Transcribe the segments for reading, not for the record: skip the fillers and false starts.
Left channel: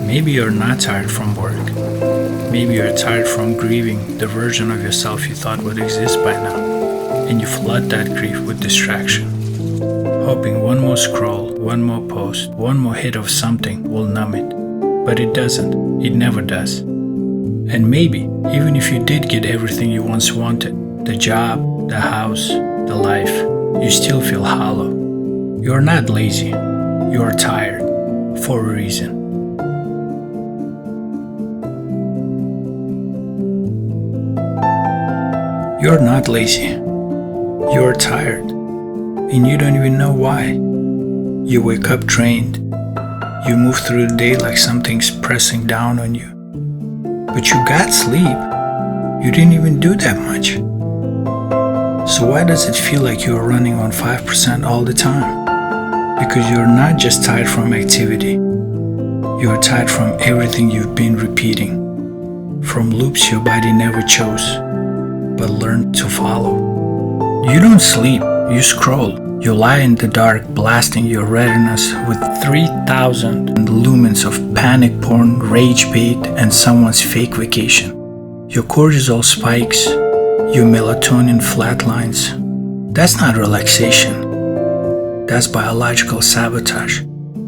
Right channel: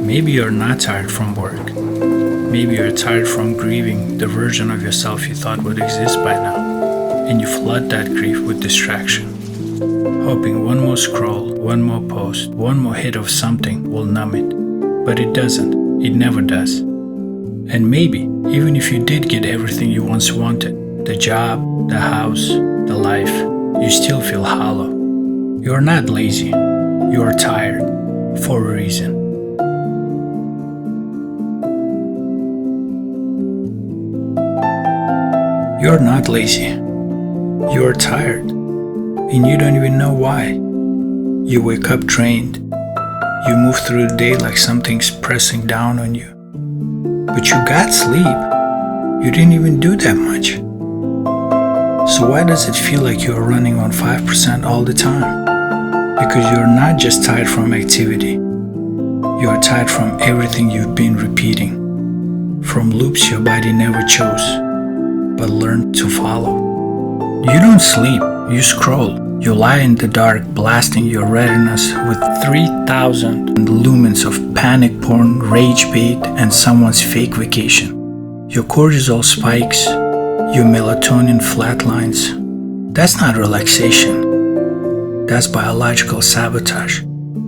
Maybe you're not tired from work. Maybe you're tired from grieving the version of yourself you thought would exist by now, and you flood that grief with distraction, hoping one more scroll, one more post, one more hit of something will numb it. But it doesn't. It never does. And maybe, even if you did get everything you once wanted, the job, the house, the life, you still feel hollow. You're not lazy. You're tired. For a reason. You're not lazy. You're tired. And you don't even know why. You wake up drained. You move through the day like something's pressing down on you. But you got sleep. You didn't even do that much. So why does it feel like you're running on 5% all the time? Because you're not just tired from activity. You're tired from everything you've been repeating. From loops your body never chose, but learned to follow. You don't sleep, you scroll. You lie in the dark, blasting your retinas with 3,000 lumens of panic porn, rage bait, and someone's fake vacation. Your cortisol spikes, your melatonin flatlines. That's not relaxation. That's biological sabotage.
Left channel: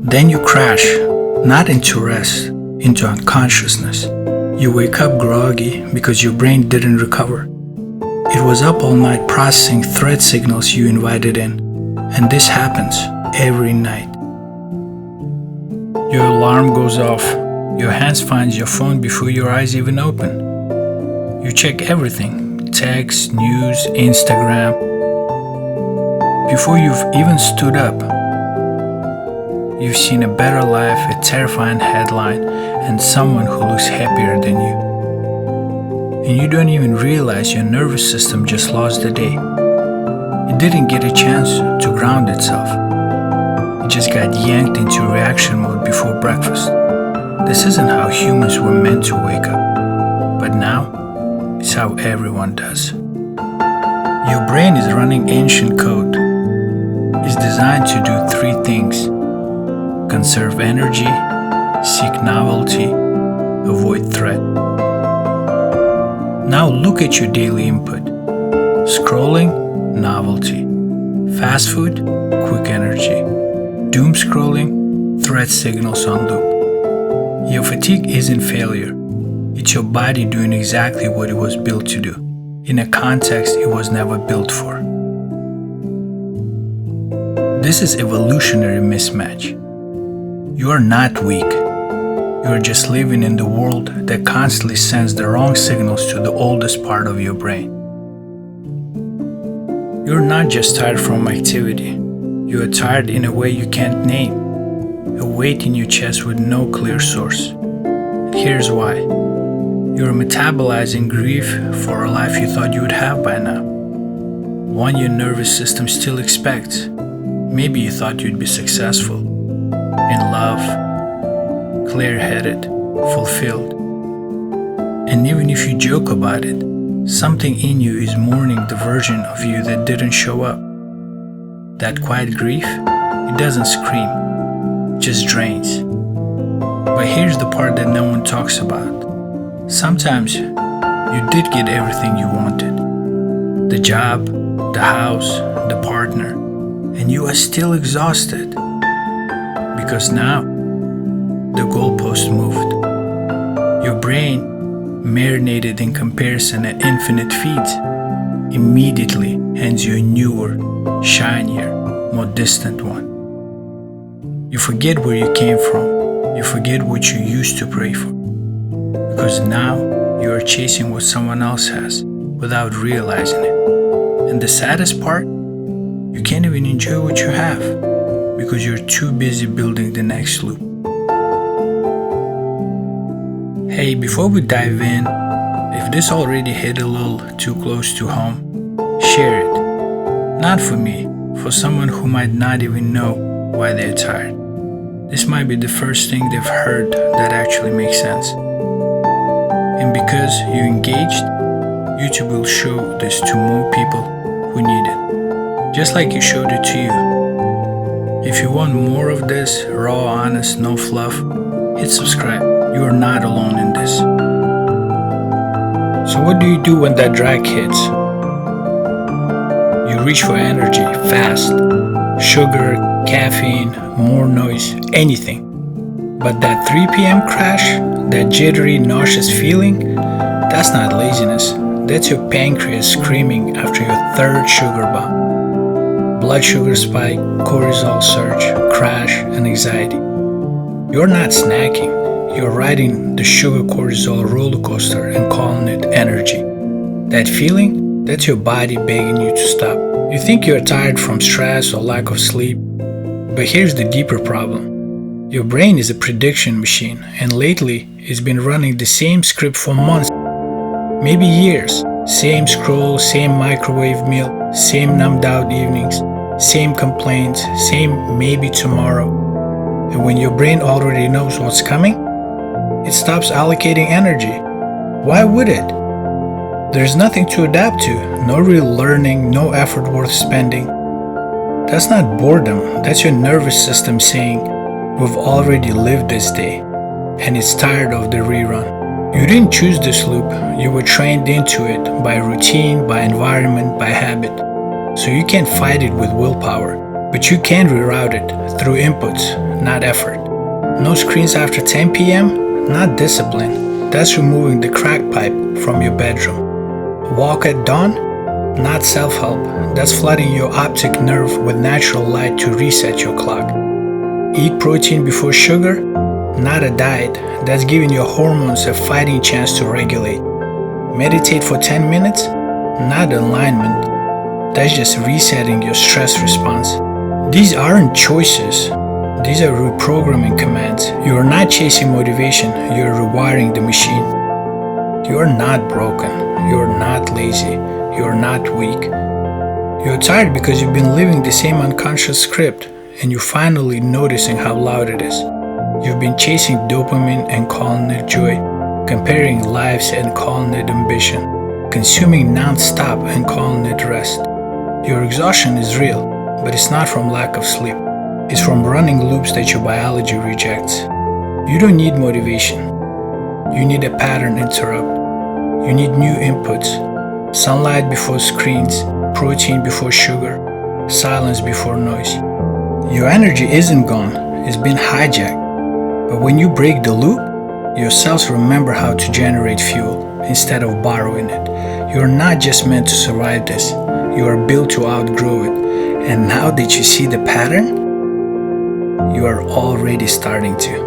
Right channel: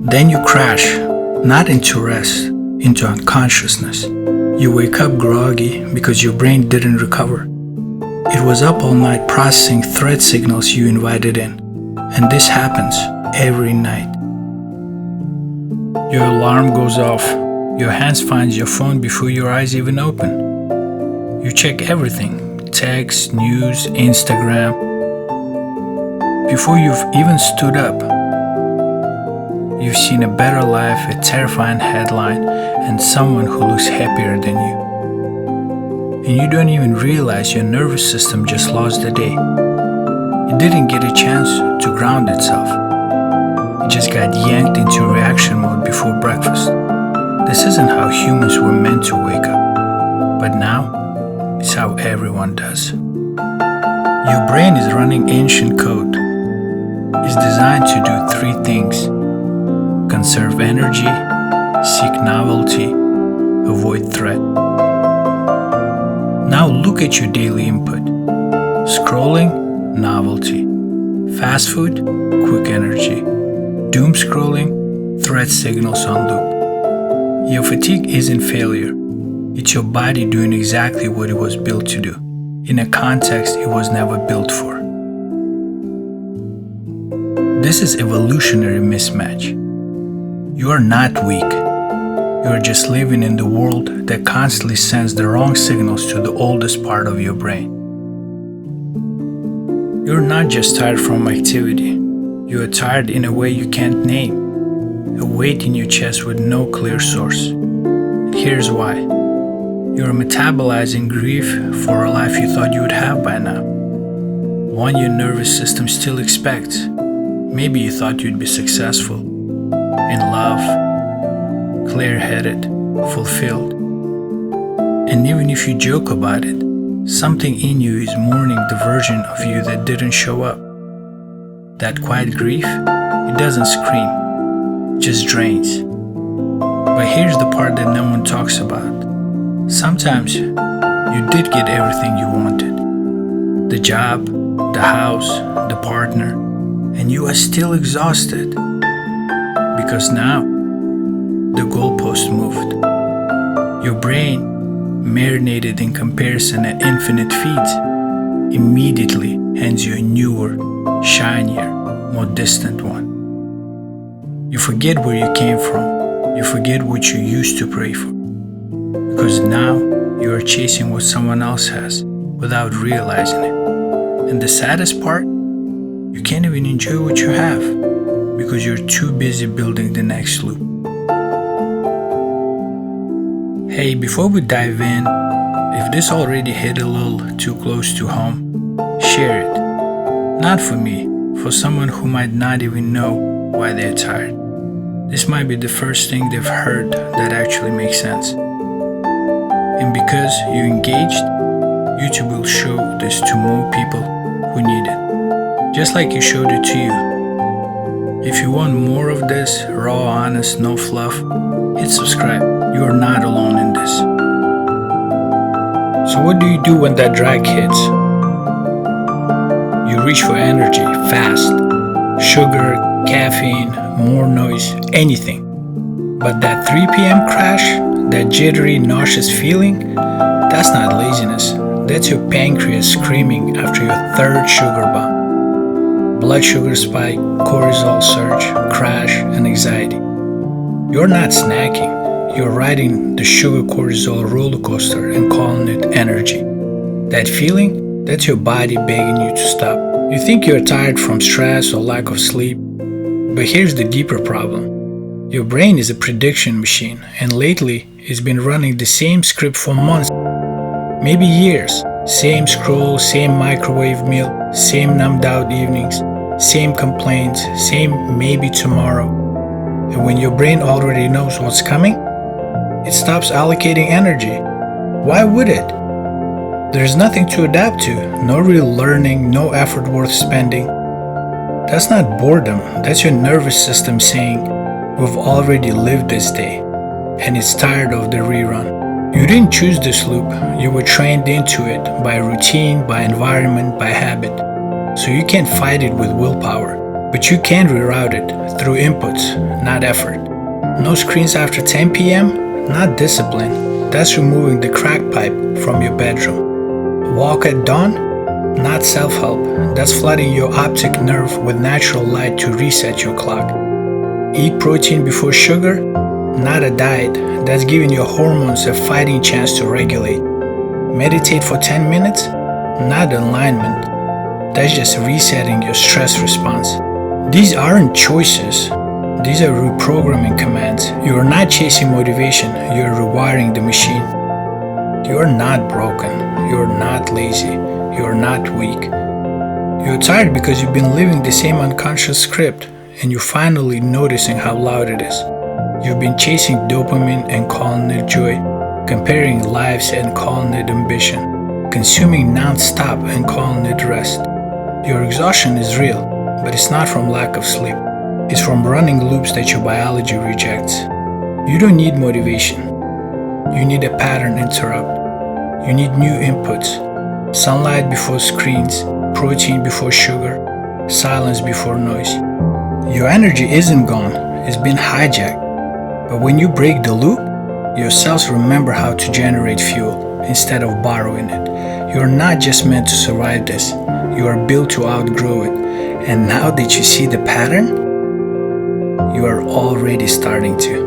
Then you crash, not into rest, into unconsciousness. You wake up groggy because your brain didn't recover. It was up all night processing threat signals you invited in. And this happens every night. Your alarm goes off. Your hands find your phone before your eyes even open. You check everything, text, news, Instagram. Before you've even stood up, you've seen a better life, a terrifying headline, and someone who looks happier than you. And you don't even realize your nervous system just lost the day. It didn't get a chance to ground itself. It just got yanked into reaction mode before breakfast. This isn't how humans were meant to wake up. But now, it's how everyone does. Your brain is running ancient code. It's designed to do three things: conserve energy, seek novelty, avoid threat. Now look at your daily input. Scrolling, novelty. Fast food, quick energy. Doom scrolling, threat signals on loop. Your fatigue isn't failure. It's your body doing exactly what it was built to do, in a context it was never built for. This is evolutionary mismatch. You are not weak. You are just living in the world that constantly sends the wrong signals to the oldest part of your brain. You're not just tired from activity. You are tired in a way you can't name. A weight in your chest with no clear source. And here's why. You're metabolizing grief for a life you thought you would have by now. One your nervous system still expects. Maybe you thought you'd be successful, in love, clear-headed, fulfilled. And even if you joke about it, something in you is mourning the version of you that didn't show up. That quiet grief, it doesn't scream, it just drains. But here's the part that no one talks about. Sometimes you did get everything you wanted. The job, the house, the partner, and you are still exhausted. Because now, the goalpost moved. Your brain, marinated in comparison at infinite feeds, immediately hands you a newer, shinier, more distant one. You forget where you came from. You forget what you used to pray for. Because now you are chasing what someone else has without realizing it. And the saddest part, you can't even enjoy what you have because you're too busy building the next loop. Hey, before we dive in, if this already hit a little too close to home, share it. Not for me, for someone who might not even know why they're tired. This might be the first thing they've heard that actually makes sense. And because you engaged, YouTube will show this to more people who need it. Just like you showed it to you. If you want more of this, raw, honest, no fluff, hit subscribe. You are not alone in this. So what do you do when that drag hits? You reach for energy, fast. Sugar, caffeine, more noise, anything. But that 3 p.m. crash, that jittery, nauseous feeling, that's not laziness. That's your pancreas screaming after your third sugar bomb. Blood sugar spike, cortisol surge, crash, and anxiety. You're not snacking. You're riding the sugar cortisol roller coaster and calling it energy. That feeling, that's your body begging you to stop. You think you're tired from stress or lack of sleep, but here's the deeper problem. Your brain is a prediction machine, and lately it's been running the same script for months, maybe years. Same scroll, same microwave meal, same numbed out evenings, same complaints, same maybe tomorrow. And when your brain already knows what's coming, it stops allocating energy. Why would it? There's nothing to adapt to, no real learning, no effort worth spending. That's not boredom, that's your nervous system saying, we've already lived this day, and it's tired of the rerun. You didn't choose this loop, you were trained into it by routine, by environment, by habit. So you can't fight it with willpower, but you can reroute it through inputs, not effort. No screens after 10 p.m., not discipline, that's removing the crack pipe from your bedroom. Walk at dawn, not self-help, that's flooding your optic nerve with natural light to reset your clock. Eat protein before sugar, not a diet, that's giving your hormones a fighting chance to regulate. Meditate for 10 minutes, not alignment, that's just resetting your stress response. These aren't choices, these are reprogramming commands. You are not chasing motivation, you are rewiring the machine. You are not broken, you are not lazy, you are not weak. You are tired because you've been living the same unconscious script, and you're finally noticing how loud it is. You've been chasing dopamine and calling it joy, comparing lives and calling it ambition, consuming non-stop and calling it rest. Your exhaustion is real, but it's not from lack of sleep. It's from running loops that your biology rejects. You don't need motivation. You need a pattern interrupt. You need new inputs. Sunlight before screens, protein before sugar, silence before noise. Your energy isn't gone, it's been hijacked. But when you break the loop, your cells remember how to generate fuel instead of borrowing it. You're not just meant to survive this, you are built to outgrow it. And now that you see the pattern, you are already starting to.